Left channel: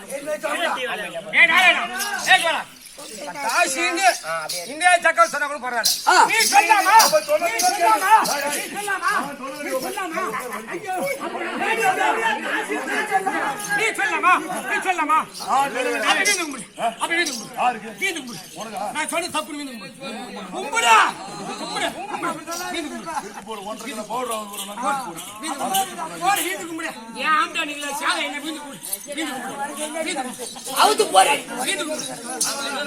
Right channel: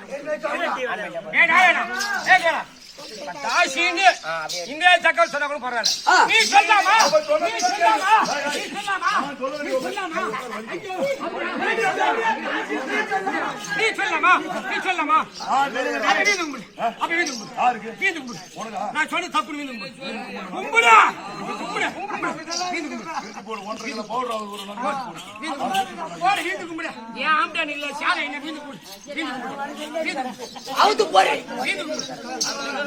这个谁的来来了拿去了。தாசிங்க இந்த தக்கல் சொன்னா கூட பரவாயில்ல நீ சொல்லாமா நீ சொல்லாமா நீ சொல்லாமா நீ சொல்லாமா ஐயோ. நீ சொல்லாமா நீ சொல்லாமா அப்ப வீந்து கும்பிடு அப்ப வீந்து கும்பிடு வீந்து கும்பிடு நான் சொன்ன தப்பு வீந்து கும்பிடு கும்பிடா கும்பிடு கும்பிடு வீந்து கும்பிடு வீந்து கும்பிடு போடு வீந்து கும்பிடு ஏன் ஆம்டா நீங்க சாலை என்ன வீந்து கும்பிடு வீந்து கும்பிடு வீந்து கும்பிடு அவுத்து போறேன் வீந்து கும்பிடு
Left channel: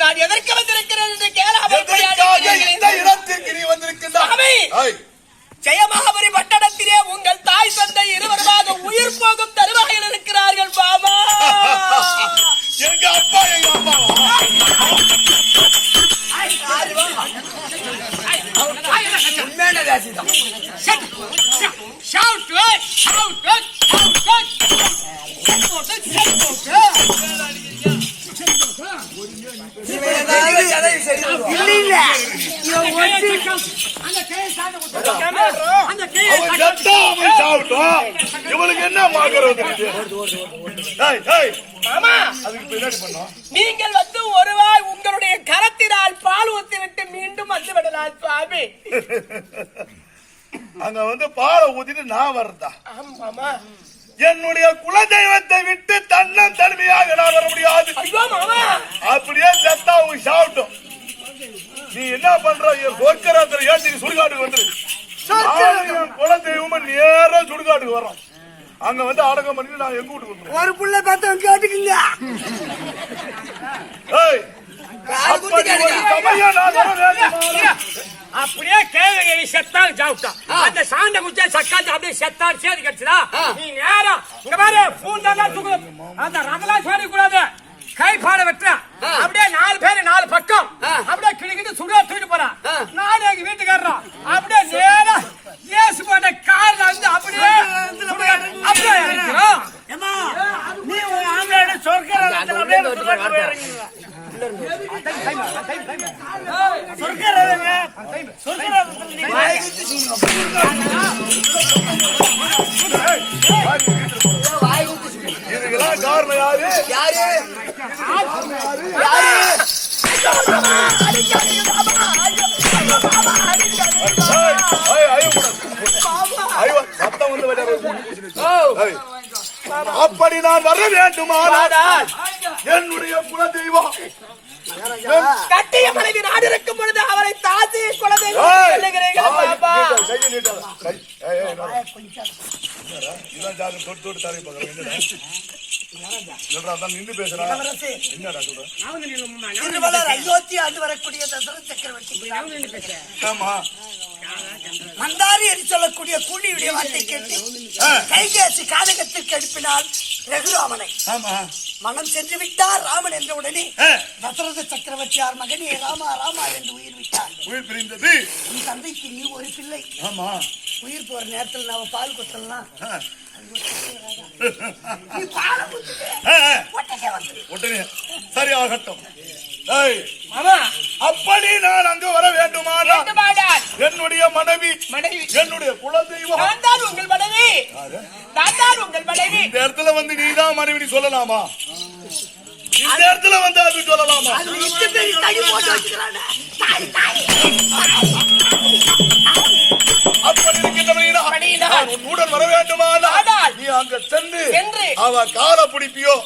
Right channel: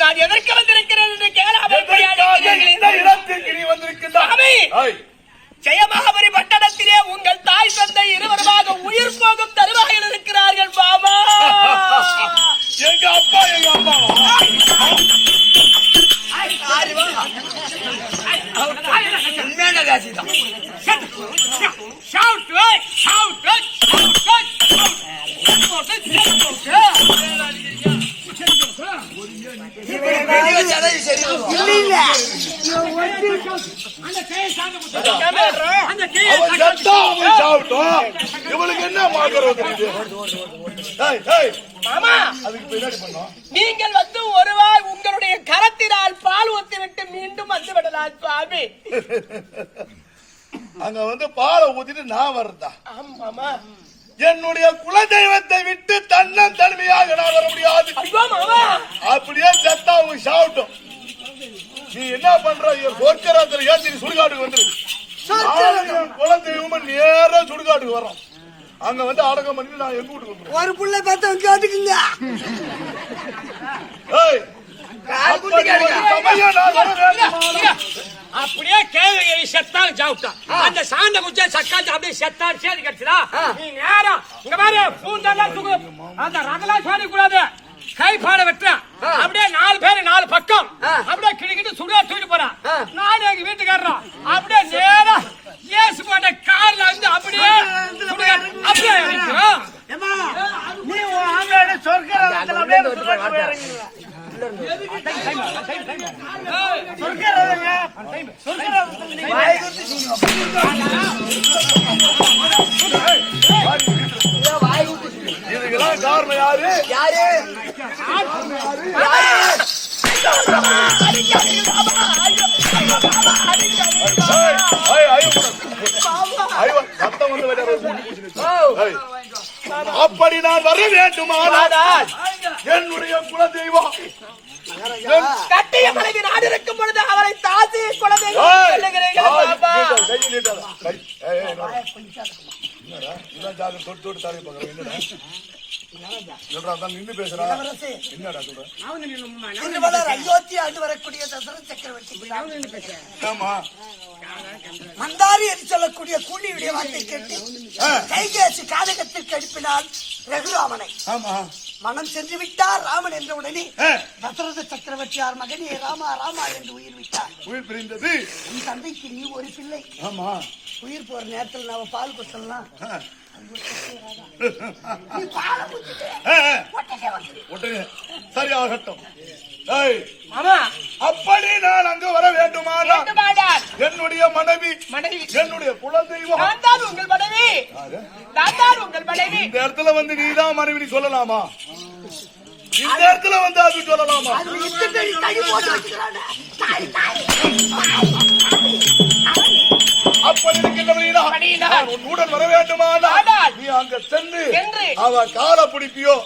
நான் எதற்கு வந்திருக்கிறேன் என்று கேளாமல் இந்த இடத்திற்கு நீ வந்திருக்கின்றாய்? ஜெயமகாபரி பட்டணத்திலே உங்கள் தாய் தந்தை இருவருமாக உயிர் போகும் தருவாயில் இருக்கிறார்கள் பாபா எங்க அப்பா எங்க அம்மாவா? உண்மையான காசிதான் Shout! Shout! Shout! Shout! அந்த இவளுக்கு என்ன. நீங்கள் வந்து ஒருவாய் உங்களுடைய கரத்தினால் பால் ஊத்தி விட்டு மீண்டும் வந்து விடலாம் சுவாமி அங்க வந்து பாலை ஊத்திட்டு நான் வரதா ஆமாமா என்னுடைய குலதெய்வத்தை விட்டு தன்னம் தனிமையாக நான் வர முடியாது. அப்படியே செத்தா அவங்க சாவட்டும். நீ என்ன பண்ற? சொர்க்கரத்துல ஏத்தி நீ சுடுகாட்டுக்கு வந்துரு. நானும் என் குலதெய்வமும் நேரா சுடுகாட்டுக்கு வர்றோம். அங்க வந்து அடக்கம் பண்ணிட்டு நான் எங்க வீட்டுக்கு ஒரு புள்ள தத்தம் கேட்டுக்குங்க ஏய், அப்படி ஒரு சமயம் நான் வர வேண்டுமானா? அப்படியே கேள்வி செத்தான் சாப்பிட்டான் அந்த சாண்ட குச்சா சக்காந்து அப்படியே செத்தான் சேதி கிடைச்சதா? நீ நேரம் இங்க பாரு பூந்தாண்டா தூக்கு. அந்த ரதலாம் சேடி கூடாது. கை பாட வெட்டுறான் அப்படியே நாலு பேரு நாலு பக்கம். அப்படியே கிளிக்கிட்டு சுடா தூக்கிட்டு போறான் நானும் எங்க வீட்டுக்காரரும் அப்படியே நேரா அப்படி நான் வர வேண்டுமானால் என்னுடைய குலதெய்வம் கட்டிய மனைவி நாடு இருக்கும் பொழுது அவளை தாசி ஏய், ஏய், என்னடா? என்னடா? இதான் ஜாதகம் தொட்டு தொட்டு தாரை பார்க்கறேன். என்னடா? என்னடா, அதான் நின்னு பேசுறா. என்னடா சொல்ற? அயோத்தி ஆண்டு வரக்கூடிய தசரத சக்கரவர்த்தி ஆமா. மந்தாரி என்று சொல்லக்கூடிய கூலியுடைய வார்த்தை கேட்டு கைகேசி காதகத்திற்கு எழுப்பினார் ரகுராமனை. மனம் சென்று விட்டார் ராமன் என்ற உடனே தசரத சக்கரவர்த்தியார் மகனே ராமா ராமா என்று உயிர் விட்டார். உயிர் பிரிந்தது. உன் தந்தைக்கு நீ ஒரு பிள்ளை. ஆமா. உயிர் போற நேரத்துல நாம பால் குத்தலாம் சரி ஆகட்டும் அப்படி நான் அங்கு வர வேண்டுமானால் என்னுடைய மனைவி என்னுடைய குலதெய்வம். உங்கள் மனைவி. உங்கள் மனைவி. இந்த இடத்துல வந்து நீதான் மனைவி சொல்லலாமா? இந்த இடத்துல வந்து அது சொல்லலாமா. அப்படி இருக்கின்றவனா உன்னுடன் வர வேண்டுமானால் நீ அங்க சென்று அவ காலை பிடிப்பியோ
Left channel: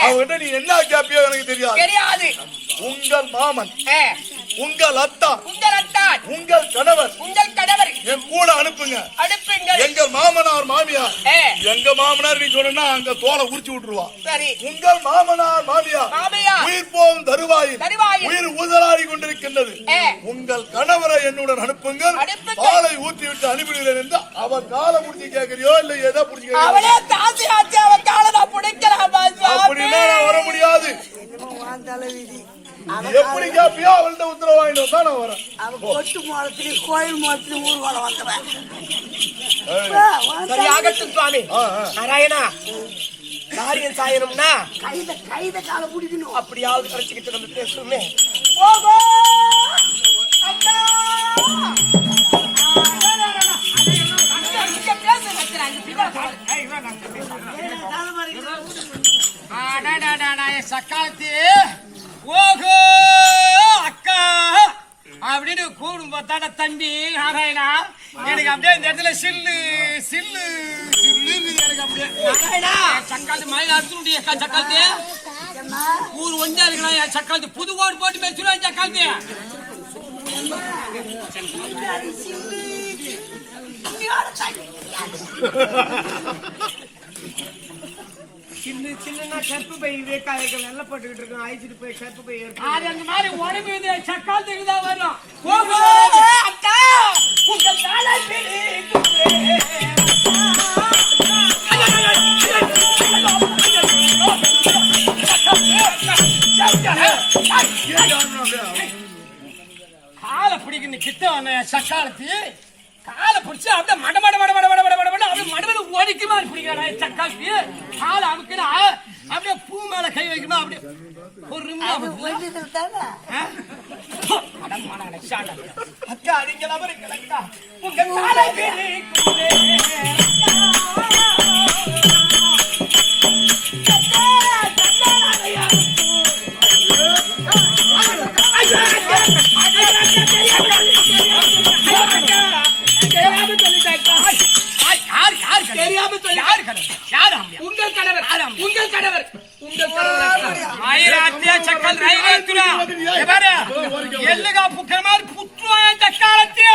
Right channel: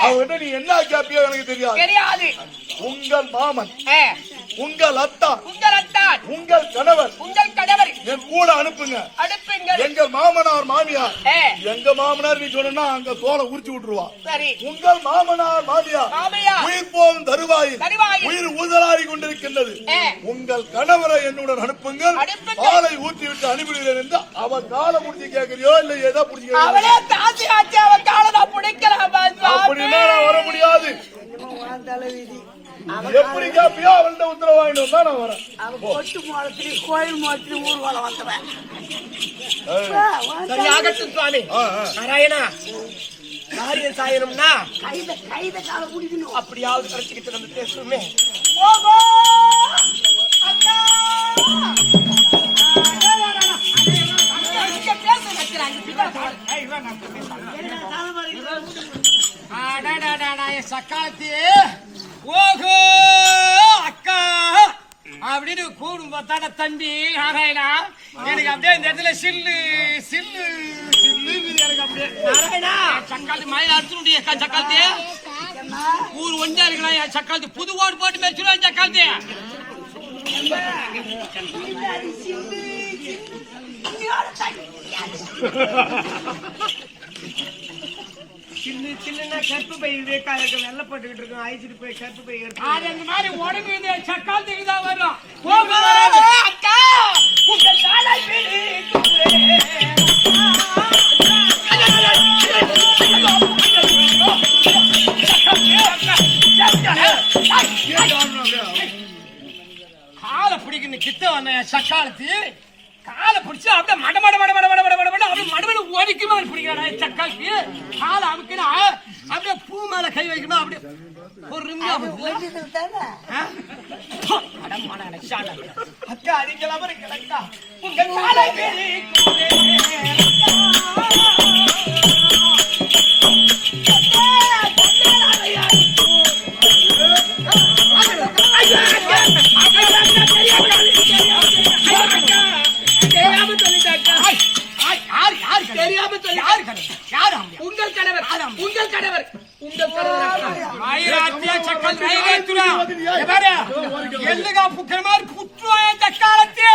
அவகிட்ட நீ என்ன கேப்பியோ எனக்கு தெரியாது. தெரியாது. உங்கள் மாமன். உங்கள் அத்தா உங்கள் அத்தான். உங்கள் கணவர். உங்கள் கணவர். என் கூட அனுப்புங்க. அடுப்புங்கள் எங்கள் மாமனார் மாமியார். எங்க மாமனார் நீ சொன்னா அங்க தோலை உரிச்சு விட்டுருவா. சரி. உங்கள் மாமனார் மாமியார் மாமியார். உயிர் போகும் தருவாயில். உயிர் ஊதலாடி கொண்டிருக்கின்றது. உங்கள் கணவரை என்னுடன் அனுப்புங்கள். அனுப்புங்கள். பாலை ஊற்றி விட்டு அனுப்பிடுகிறேன் என்று அவ காலை முடிச்சு கேட்கறியோ இல்ல ஏதோ பிடிச்சி அவளே தாசி ஆச்சு அவன் காலை நான் பிடிக்கிறான் அப்படின்னா நான் வர முடியாது. எப்படி கேப்பியோ அவள்கிட்ட உத்தரவு வாங்கிட்டு வந்தா நான் வரேன் அவன் கொட்டு மோளத்திலே கோயில் மோளத்திலே ஊர்வலம் வந்தவன் சரியாகட்டும் சுவாமி. நாராயணா காரியம் சாயணும்னா கைத கைத கால பிடிக்கணும் அப்படியாவது கிடைச்சிக்கிட்டு நம்ம பேசுமே ஓகோ என் சக்காலத்தி ஓஹோ அக்கா. அப்படின்னு கூடும் பார்த்தாட தம்பி. நாராயணா எனக்கு அப்படியே இந்த இடத்துல சில்லு சில்லு சில்லு எனக்கு அப்படியே. நாராயணா சக்காலத்தி மயில அடிச்சு முடியும் ஊர் ஒன்றா இருக்கலாம் என் புது ஓடு போட்டு மேய்ச்சிடுவேன் சக்காலத்தி. சின்ன சின்ன கருப்பு பை வெள்ள போட்டுக்கிட்டு இருக்கோம். அழிச்சிட்டு போய் கருப்பு பை எடுத்து அது அந்த மாதிரி உடம்பு இது சக்காலத்துக்கு தான் வரும். அக்கா. உங்கள் காலை காலை பிடிக்கணும் கிட்ட சக்காலத்தி. காலை பிடிச்சு அப்படியே மட மட மட மட மட மட மட மட அப்படியே மடமட ஒடிக்கு மாதிரி பிடிக்கிறாடா சக்காலத்தி காலை அமுக்கினா அப்படியே பூ மேல கை வைக்கணும் அப்படியே எனக்கு ஷாண்டா. அக்கா உங்கள் கணவர். உங்கள் கணவர். உங்கள் ಕಡವರ್ ಎಲ್ಲಗ ಪುಕ್ಕಮಾರ್ ಪುಟ್ಲೋಯ ಚಕ್ಕಾಳತ್ತೆ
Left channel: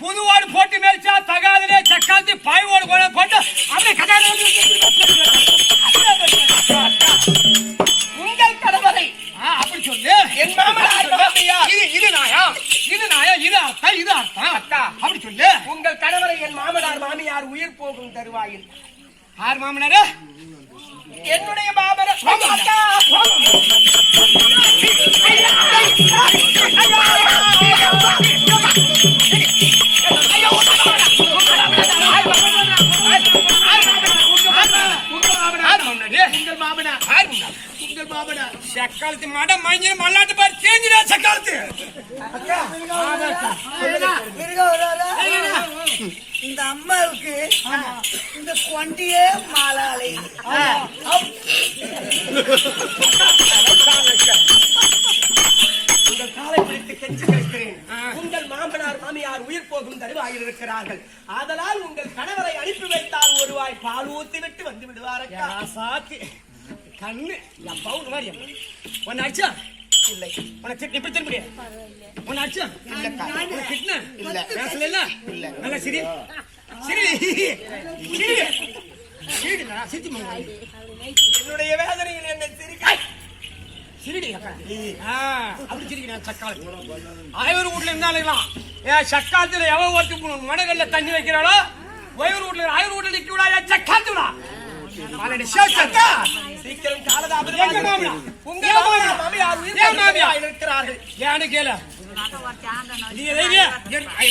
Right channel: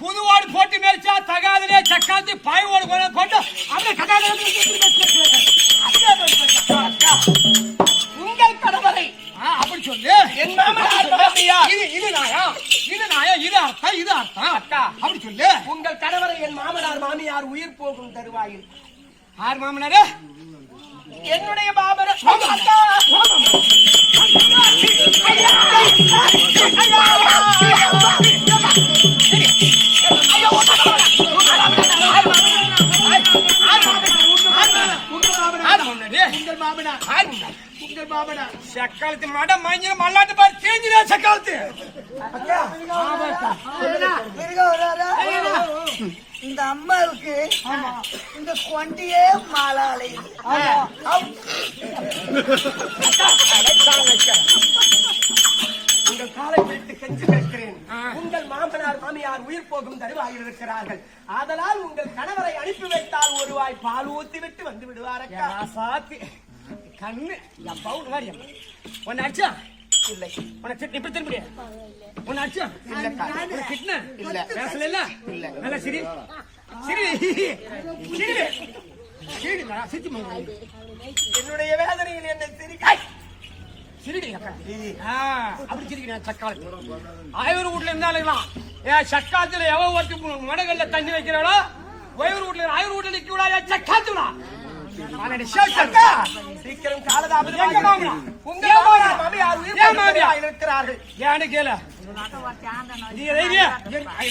ಪುದುವಾಡು ಫೋಟಿ ಮೇಲ್ಚ உங்கள் கடவரை அப்படி சொல்லு. என் மாமனார் இது நாயா? இது அர்த்தம் இது அர்த்தம் அப்படி சொல்லு. உங்கள் கடவரை என் மாமனார் மாமியார் உயிர் போகும் தருவாயில் ஆர் மாமனாரே? என்னுடைய பாபர சக்காலத்து மடம் மஞ்சள் மல்லாட்டு பாரு. தேஞ்சிடா சக்காலத்து. அக்கா. அம்மாவுக்கு இந்த கொண்டியே மாலாலை உங்கள் காலை பிடித்து கெஞ்சி கேட்கிறேன். உங்கள் மாமனார் மாமியார் உயிர் போகும் தருவாயில் இருக்கிறார்கள். ஆதலால் உங்கள் கணவரை அனுப்பி வைத்தால் ஒரு வாய் பால் ஊத்தி விட்டு வந்து விடுவார் அக்கா. சாத்தி கண்ணு. என் பவுன் மாதிரி அடிச்சா? இல்லை. உன்னை திட்டு இப்படி திரும்பி உன்னை அடிச்சா? இல்லக்கா. உன்னை திட்டின? இல்ல. பேசல இல்ல இல்ல. நல்லா சிரி. சிரி. என்னுடைய வேதனையில் என்ன சிரிக்க சிரிடி அக்கா. அப்படி சிரிக்கிறேன் ஆயூர் வீட்டுல இருந்தாலும் ஏன் சக்காலத்தில் எவன் ஒருத்தர் மனகல்ல தண்ணி வைக்கிறாளோ வயூர் வீட்டுல ஆயூர் வீட்டுல நிக்க விடாயா சக்காத்துடா சீக்கிரம் காலதாபம் உங்க மாமியார் இருக்கிறார்கள்.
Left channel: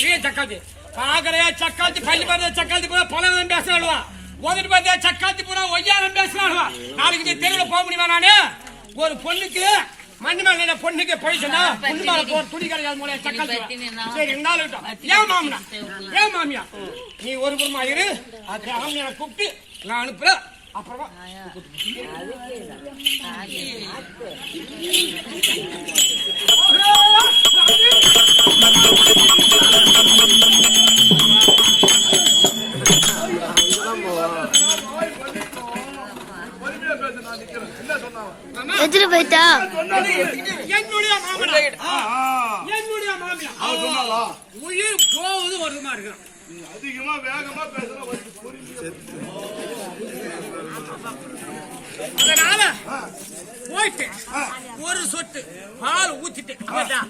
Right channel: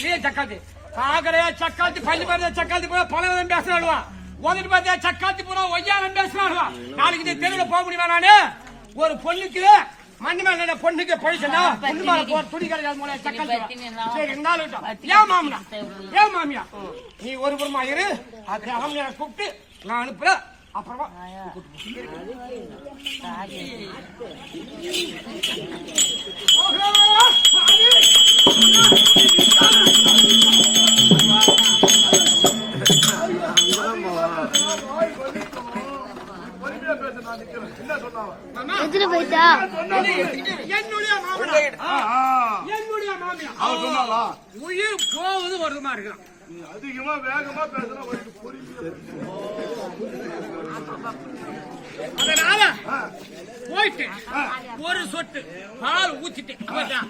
நீ சக்காத்து பாக்கறையா சக்காத்தி பள்ளி பார்த்தா சக்காத்தி பூரா பணம் பேசுறாளுவா ஓதிட்டு பார்த்தா சக்காத்தி பூரா ஒய்யாரம் பேசுறாளுவா நாளைக்கு இந்த தெருவில் போக முடியுமா நானு? ஒரு பொண்ணுக்கு மண்ணு மேல பொண்ணுக்கு பழிச்சனா பொண்ணு மேல போற துணி கிடையாது மூல சக்காத்தி சரி இருக்கட்டும். ஏன் மாமனா? ஏன் மாமியா? நீ ஒரு புறமா இரு. அது ஆமியான கூப்பிட்டு நான் அனுப்புறேன். அப்புறமா உயிர் போவது வருமா இருக்கான் அதிகமா வேகமா பேசுனா அதனால போயிட்டு ஒரு சொட்டு பால் ஊத்திட்டு அப்பதான்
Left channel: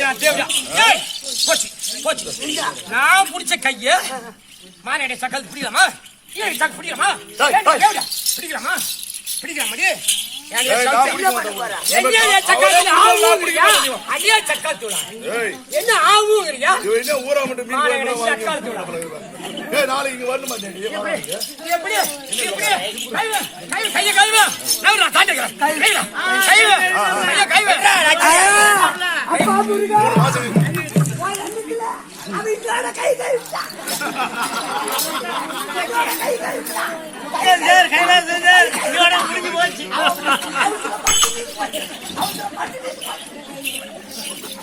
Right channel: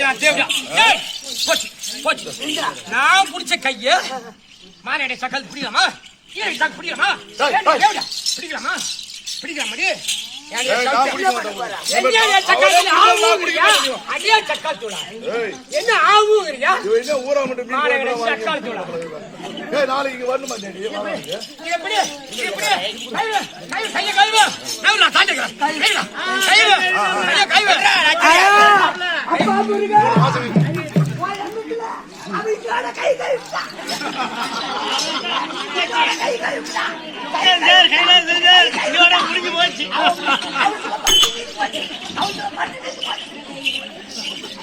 நான் தேவையா ஏய் போச்சு போச்சு நான் பிடிச்ச கைய மானேடே சக்கல் பிடிக்கலாமா பிடிக்கலாமா. தேவையா பிடிக்கலாமா நான் சக்கல் சக்கல் நான் சக்கல் என்ன ஆவுங்கறியா? என்ன ஊரா மட்டும் அக்கால் தூளா. ஏய், நாளைக்கு இங்க வரணுமா டேடி? எப்படி? கைவ கைய கைவ நவுறா தாண்டிக்கிறேன். கைவ கைவ கைய கைவ அப்பா முருகா. அவன் என்னோட கை கழுத்தா என்னோட கை கழுத்தா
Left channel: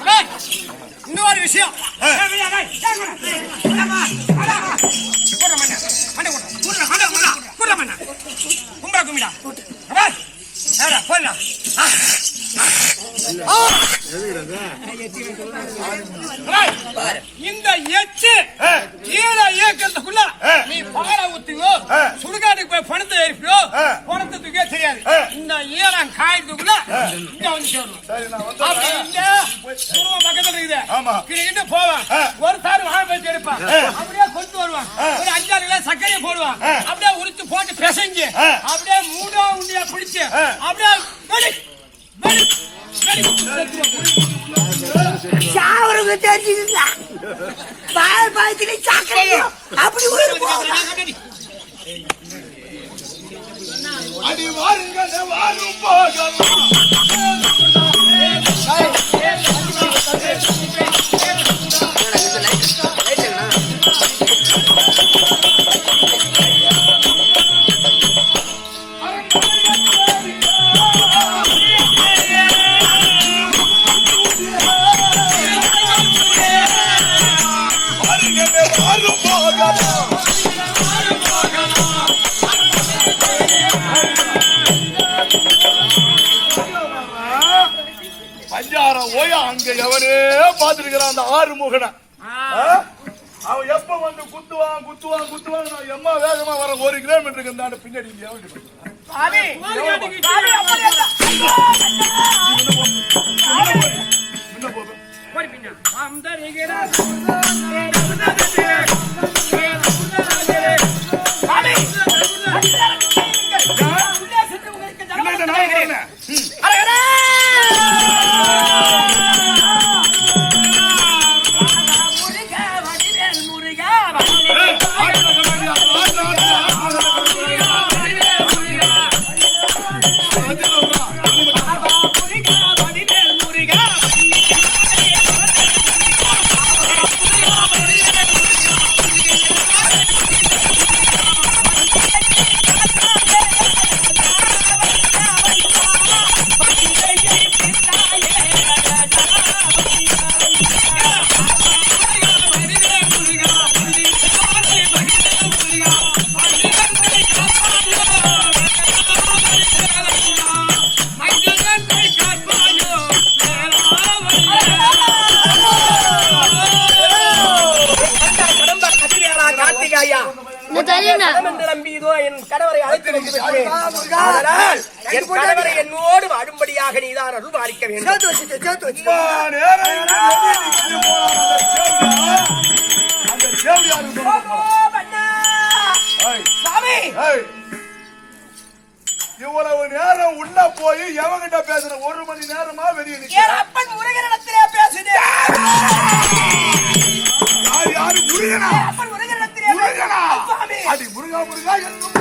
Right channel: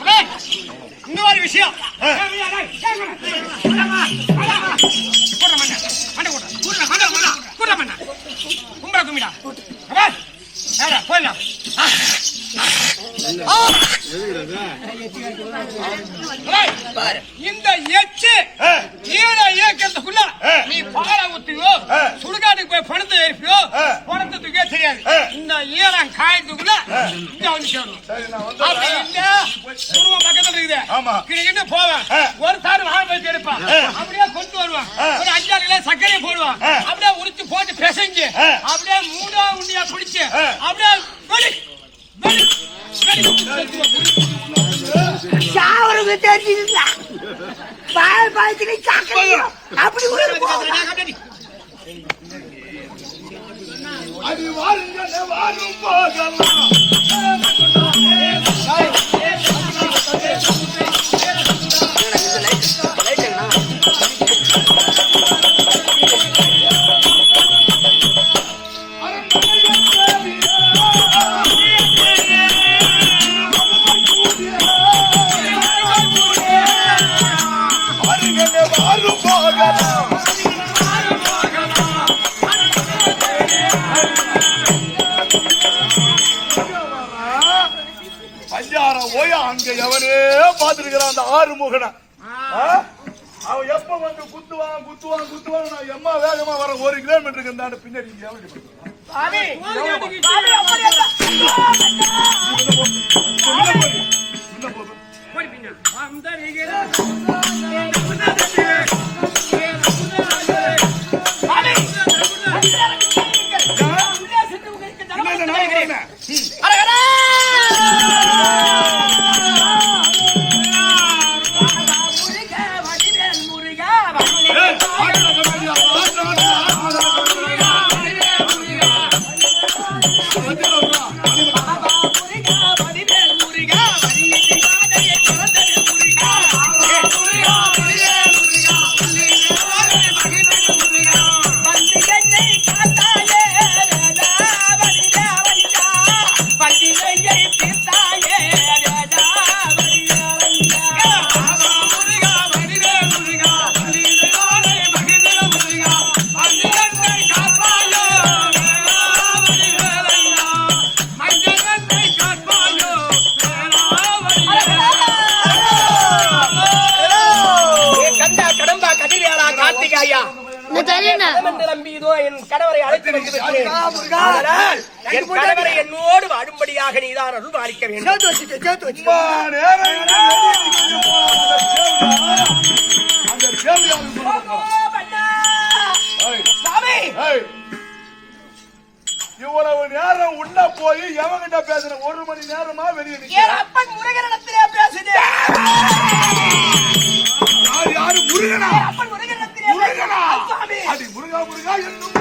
அடே, இன்னொரு விஷயம் ஏய், ஏய், கும்பிடா. போயிடலாம். இந்த ஆ. ஈழ இயக்கத்துக்குள்ள. நீ பாலை ஊத்துவோ ஆ. சுடுகாட்டுக்கு போய் பணத்தை ஏறிப்பியோ ஆ. பணத்தை தூக்கவே தெரியாது. இந்த ஈழம் காயத்துக்குள்ள இங்க வந்து சேரணும் சரி, நான் அப்படி வந்துடுறேன். இல்ல, துருவம் பக்கத்துல இருக்குது. கிடுகிட்டு போவேன். ஒரு தாரு வாழை பறிச்சு எடுப்பான். அப்படியே கொண்டு வருவான். ஒரு அஞ்சாறு கிலோ சர்க்கரையை போடுவான். அப்படியே உரிச்சு போட்டு பிசைஞ்சு. அப்படியே மூடா உண்டியா பிடிச்சு. அப்படியே. சாவருக்கு தெரிஞ்சுதா பால் பாலத்துக்கு சாக்கணும் அப்படி அடி வாரும் போகலாம் அங்க எவனே பாத்துருக்கிறான் அந்த ஆறு முகனை அவன் எப்ப வந்து குத்துவான் குத்துவான் குத்துவான் நான் எம்மா வேகமா வர ஒரு கிலோமீட்டருக்கு இருந்தாண்டு பின்னாடி. என்ன போய் எவங்கிட்ட பேசுற ஒரு மணி நேரமா வெளியே என் நிக்கிற அப்பன் முருகனிடத்திலே பேசுதே யார் யாரு? முருகனா? அப்பன் முருகனிடத்திலே முருகனா? அடி முருகா முருகா என்னும்.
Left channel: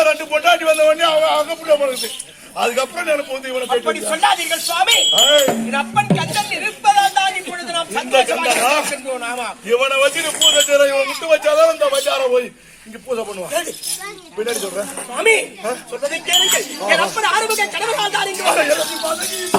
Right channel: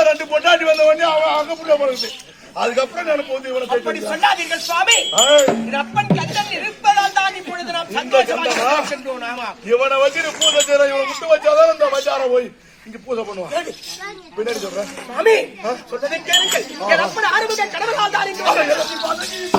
ஏதோ ரெண்டு பொட்டாட்டி வந்த உடனே அவன் அங்க புள்ள போறது. அதுக்கப்புறம் எனக்கு வந்து இவனை அப்படி சொல்லாதீர்கள் சுவாமி. அப்பன் கந்தன் இருப்பதால் தான் இப்பொழுது நாம் சந்தோஷமாக ஆமா. இவனை வச்சுட்டு பூஜை செய்யற இவனை விட்டு வச்சாதான் இந்த வச்சாரம் போய் இங்க பூஜை பண்ணுவான். பின்னாடி சொல்றேன். சுவாமி சொல்வதை கேளுங்கள். என் அப்பன் ஆறுமுக கடவுளால் தான் இங்கு.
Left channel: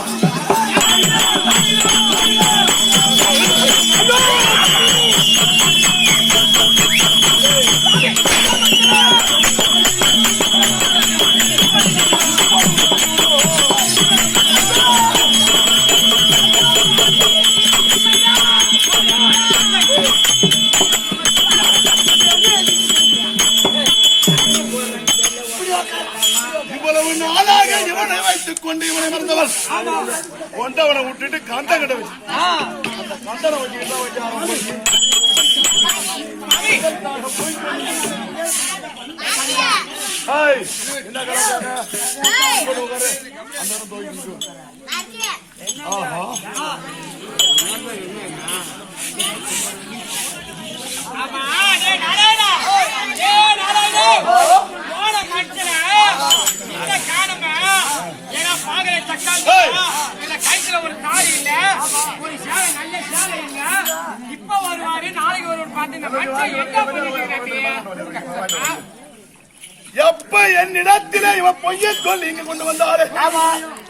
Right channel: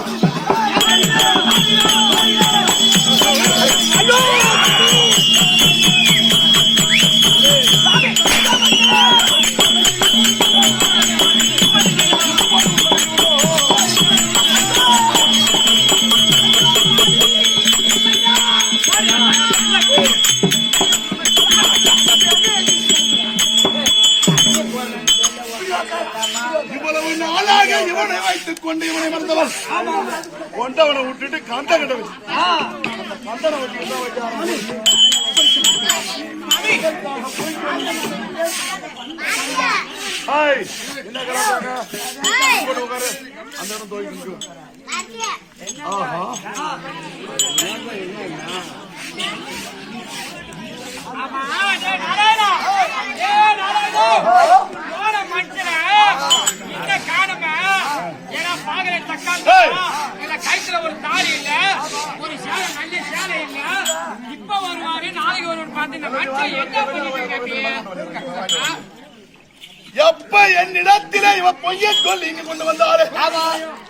கொண்டு இவனை மறந்தவர். கொண்டவனை விட்டுட்டு கந்த கட்ட வச்சு அந்த கந்தனை வச்சுக்கிட்டு ஹாய். என்ன கலாச்சாங்க போட்டு உட்காரு. அந்த இடம் துவைக்கு ஆஹா. கைத்துல ஒரு தாலி இல்ல ஒரு சேலை நல்ல சேலை இல்ல. இப்ப வருவாரு நாளைக்கு வருவாரு பார்த்து இந்த மனுஷன் என்ன பண்ணிட்டு எப்ப என்னிடத்திலே இவன் பொய்ய சொல்லி இங்க கொண்டு வந்தாரு?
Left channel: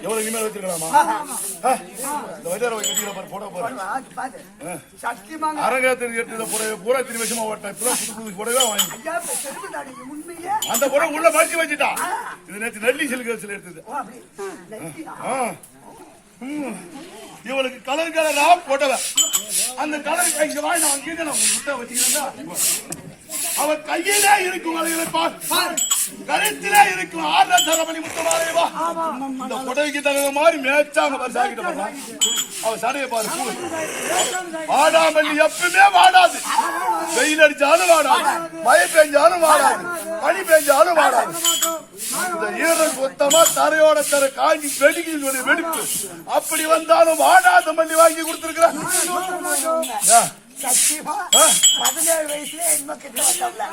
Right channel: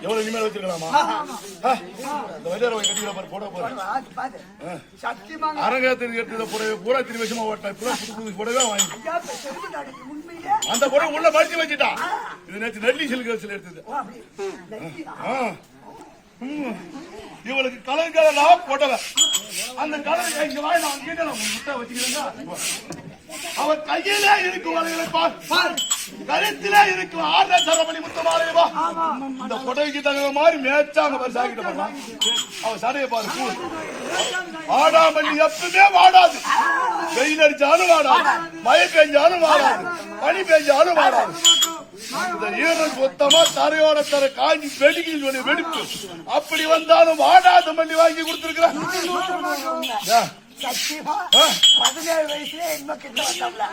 எவ்வளவு இனிமேல் வச்சிருக்கலாமா? இந்த போய் கட்டிக்கிற பாரு போட போற சத்தியமாக அரங்கத்தில் எடுத்த புடவை பூரா திரு விஷயமா ஓட்டா இப்பதான் புது புது புடவை வாங்கி அந்த புடவை உள்ள மடிச்சு வச்சுட்டா. இது நேற்று நெல்லி சிலுக்கு வச்சுல எடுத்தது. இவளுக்கு கலர் கலரா போட்டவ அந்த கலர் இங்க வாய் நான் இங்க நான் முட்டை வச்சுக்கிறேன் அவன் கையிலே இருக்கும் வளையலை பார் பார். கழுத்திலே இருக்கும் ஆறரை தரமணி முட்டை மாலையவா இந்த புடவைக்கு தகுந்த மாதிரி மேய்ச்சாங்க பாரு சாக்கிட்ட பாருமா அவன் சடையை பாரு பூ வாடாமல்லி எப்பவுமே வாடாது. வெயில் அடிச்சாலும் வாடாது. மழை பெஞ்சாலும் வாடாது. பனி பெஞ்சாலும் வாடாது. இந்த ஈரல் மொத்தமா தரையோட தர காஞ்சி வெடிக்கில் ஒரு வெடிப்பு. அப்படி வந்தாலும் வாடாத மல்லி வாங்கி கொடுத்திருக்கிறேன் சத்தியமா. பதினேழு வயசுல என்ம கிட்ட வந்தோம்ல.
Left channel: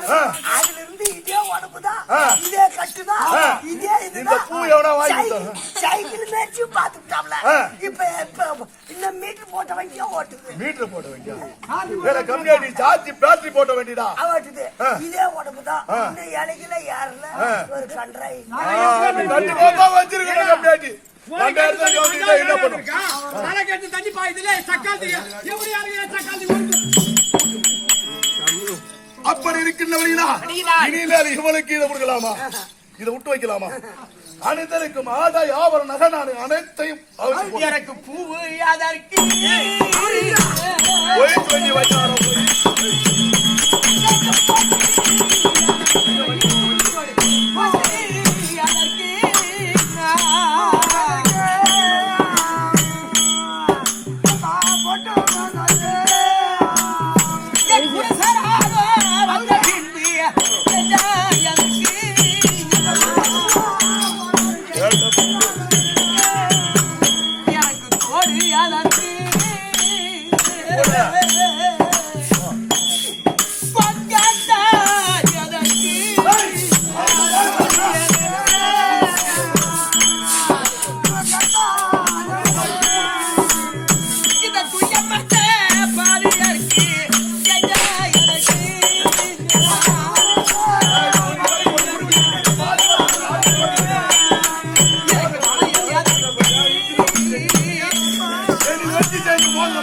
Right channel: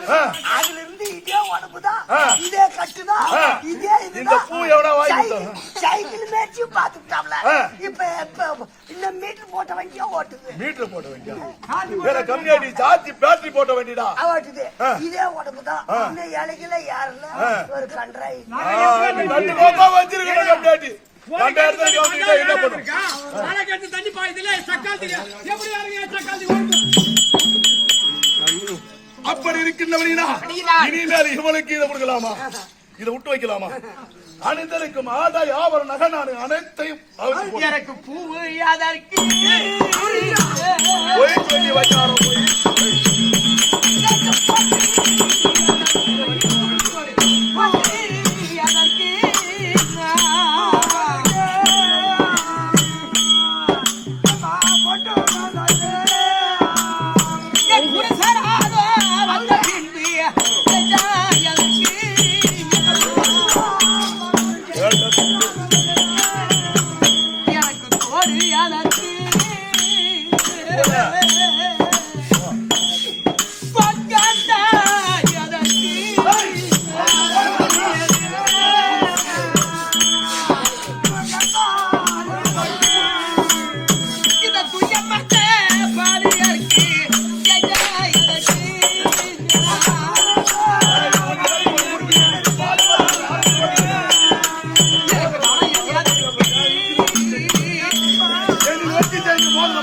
அதுல இருந்து இதே உடம்புதான். இதே கட்டுதான். இதே இதுதான். பூ எவனா வாங்கி சைக்கிள் பாத்துக்கிட்டாப்ல ஆ. இப்ப இப்ப இந்த மீட்டர் போட்ட வண்டியா ஓட்டுது? மீட்டர் போட வேண்டிய? வேற கம்மியாடி சார்ஜ் பேட்டரி போட்ட வேண்டியதா அவ ஓட்டுது. இதே உடம்புதான். இந்த இலைகள யாருல. ஒரு கன்றாய் ரெண்டாயிரத்தி கவனிக்கிட்டா என்ன பண்ணும்? தண்ணி பாயுதுல சக்காலத்துக்கு எப்படி யாருங்க ஓடுது அப்படி இருக்கின்றவனா இனிமேல் இவனுக்கு இதை கொடுக்கலாமா? இதை விட்டு வைக்கலாமா? அனைத்தருக்கும் ஆதாய் ஆபர நகை நான் அனைத்தையும். எனக்கு பூவு அதற்கு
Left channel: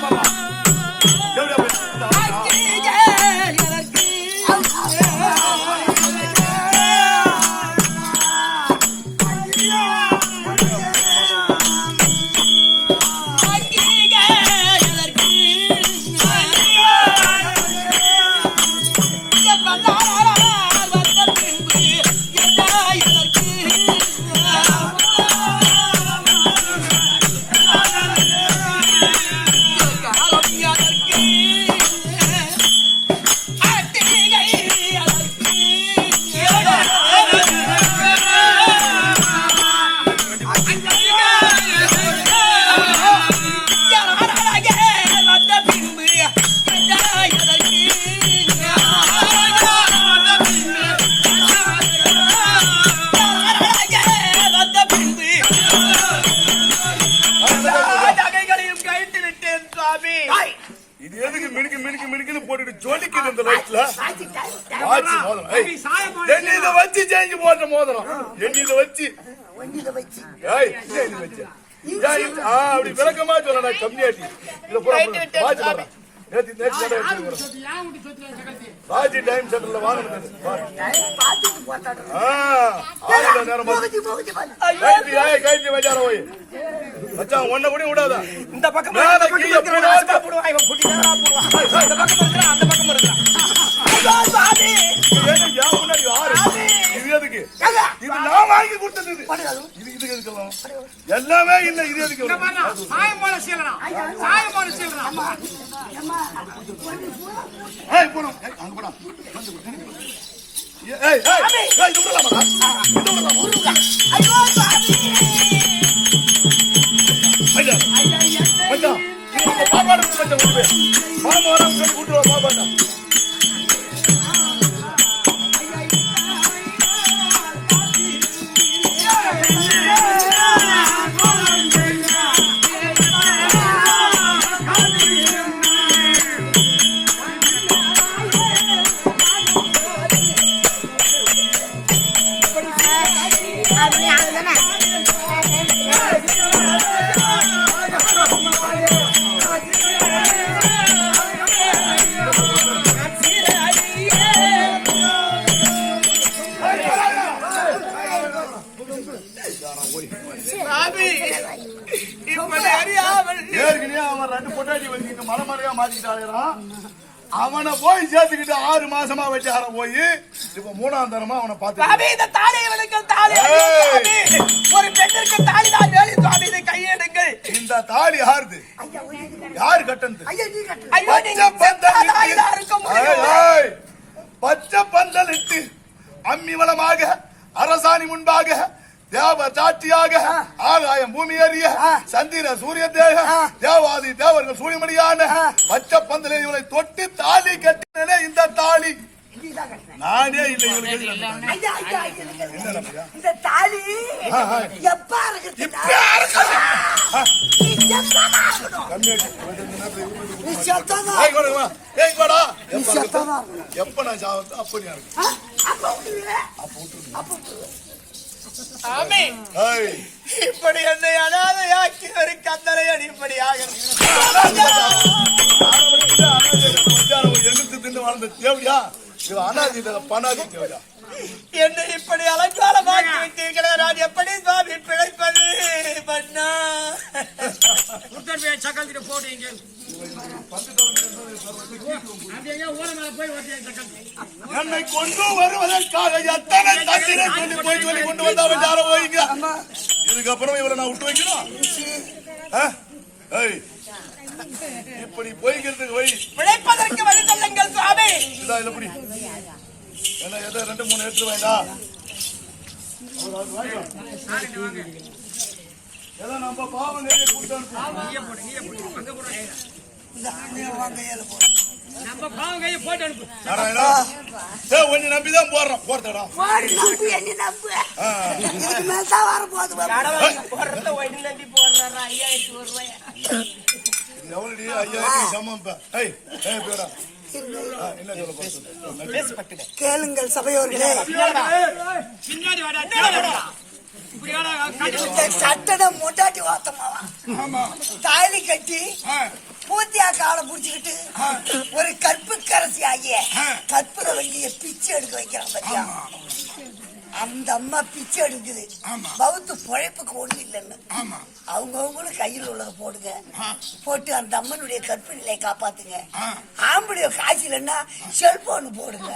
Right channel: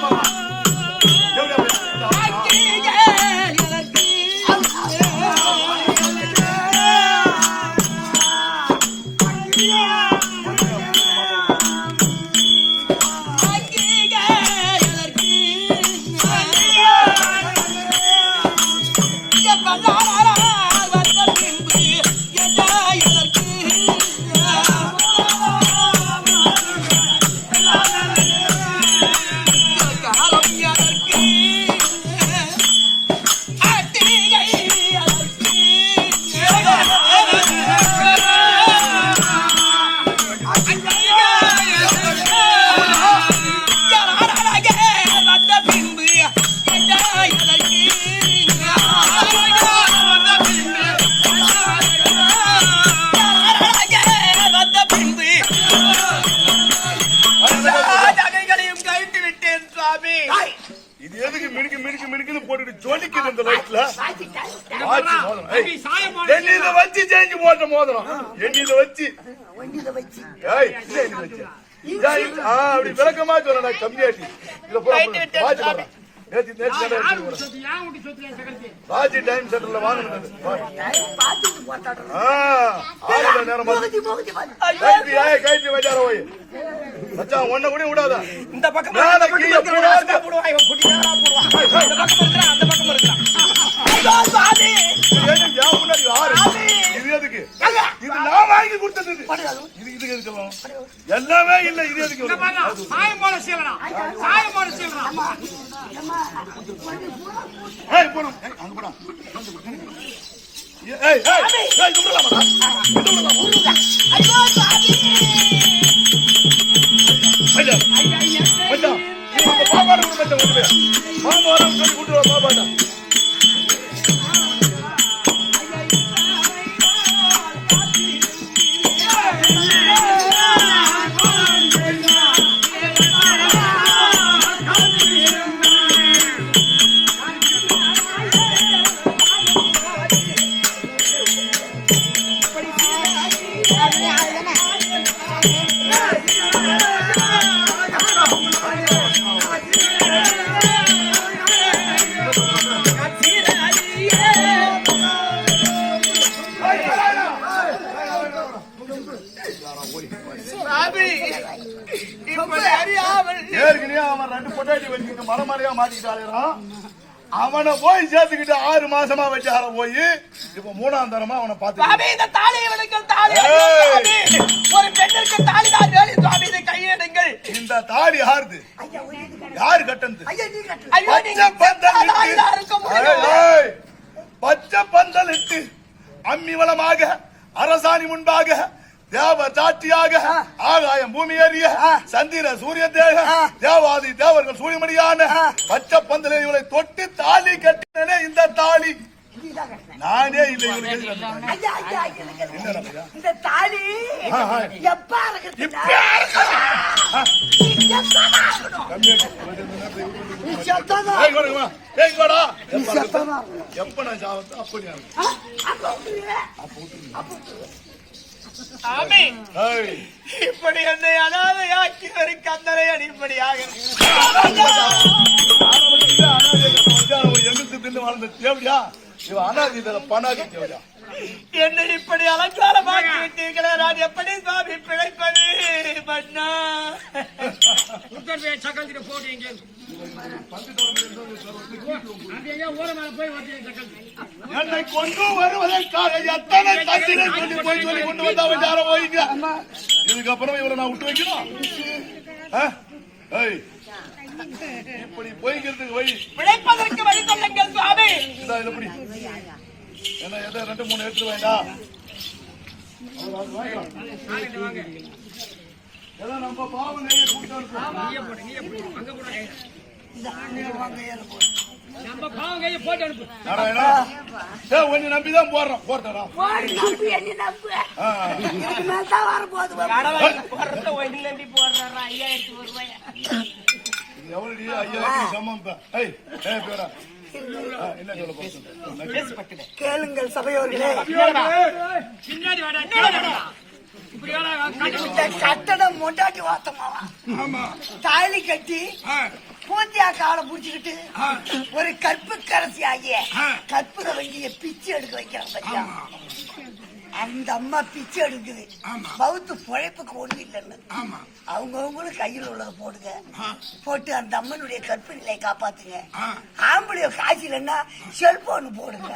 বাবা என்ன இதை வச்சு செஞ்சு போட்ட மோதிரம். என்ன இதை வச்சு. இல்ல அப்படி விளக்கமா சொல்லடா கம்மியாட்டி. இத பூரா. நேத்து நேத்து ராஜி டைம் சென்டர்ல வாங்கினது பாரு. டைம் பார்த்துட்டு போட்டாடுறோம் ஆ, ஆளுல நேரம். கைட்டி, வச்சார போய். மச்சான், ஒண்ணை கூட விடாத. இந்த பக்கம் அந்த பக்கம் போடுவான் இவன் குட்டி போடுவான் இந்த பக்கம் இருக்கிறான் அந்த பக்கம் இருக்கிறான் எல்லாம்? இல்ல இது எதுக்கு இங்க எல்லாம்? பாருடா, சாயம் போட சீலறான் சாயம் போட சீலறான் ஏம்மா, வண்டி பூரா போட்டு. ஏய், போறோம். ஏய், அங்க போடா. வந்து கொடு. ஏய், ஏய், ஏய், இது விடலாமாடா? இது விடலாமா? ஐயோ சாமி மச்சான், இது உங்க பாப்பாட்ட கொடு அவனை போய் சேர்த்துக்கிட்டு ஆறு மாசமா வச்சார போய் இப்ப மூணாம் தரமா அவனை பார்த்து இந்த தாலி ஐயோ, சுவாமி. ஒரு பெண்ணிற்கு தாலி தான் வேலை சுவாமி இதை கையெடுங்கள். இந்த தாலி யாருது? யாரு கட்டந்து ஐயா நீ கட்டு. ஐயோ நீங்க பச்சை பந்தல் தாலியா இட்டு இருக்க முடியும். ஏய், ஏய், பச்சை பந்தல் இட்டு அம்மிவளமாக அரசாணி முன்பாக தேவ சாட்சியாக ஆகாயம் பூமி ஏறிய சந்திர சூரிய தேக தேவாதி தேவர்கள் சூரியமணியான பச்சை பந்தலை இவளை தொட்டு தாலி கட்டினே இந்த தாலி. நானே இல்லை? இந்த தாலி ஆ. எப்ப நான் சாவத்தோ அப்ப? அப்ப அப்ப இப்படி என்னை அனாதையாக்கி ஒரு கந்தரை அடிப்படையாக எண்ணத்து தின்னு வாழ்ந்த தேவடியா? இவன் அனாதை இல்ல, பனாதி தேவடியா? என்னை இப்படி அலங்காரமாக்கி விட்டீர்களே நான் எப்படி சுவாமி பிழைப்பது? பண்ணா என் சக்கரத்தி. என்னை கொண்டு வருவதற்காக எத்தனை தந்திரம் சொல்லி போய் சொல்லி கொண்டு வந்தா போய்ங்க. இதுக்கப்புறம் இவரை நான் விட்டு வைக்கணும்? ஏய், இப்படி பிழைப்பதற்கு வழி சொல்லுங்கள் சுவாமி. இதா இதை என்ன எதை? ரெண்டு மூணு எடுத்து வாங்க ஏதோ நம்ம பாவம் நிறைய கூட்டு அனுப்புவோம் நம்ம பாவம் கையை போட்டு அனுப்பு. நாராயணா ஏ உன்னை நம்பிதான் போடுறோம். போறதடா போடு நம்பு என்ன நம்பு. ஆ. இதுக்கு மேல தான் வரப்போகுது பாரு. போடுறத ஒயிட் நம்பி போடுறாரா? ஐயாயிரத்தி ஒரு ரூபாய்? இது எவ்வளவு ஐயாயிரம் சமம் இப்ப. ஏய் ஏய் பேரா ஆ, என்ன சொல்ல போறேன் கேளுங்கள் சபையோர்களே. கட்டடம் முண்டாட்டி வாத்தமாவா தாலி கட்டி பூத்தியா காலை புடிச்சுக்கிட்டு ஒரு கற்பு கரசி ஆகிய கற்பூர வங்கிய பிச்சை எடுக்க வைக்கிறான் பாத்தியா? அந்த அம்மா பிச்சை எடுக்குது. பௌத்து பொழைப்புக்கு ஒண்ணு இல்லைன்னு. அவங்கவுங்களும் கையில் உள்ளதை போடுங்க. போட்டு அந்த அம்மனுடைய கற்பு நிலையை காப்பாத்துங்க ஆம்பளை காசு இல்லைன்னா செல்போன் போடுங்க.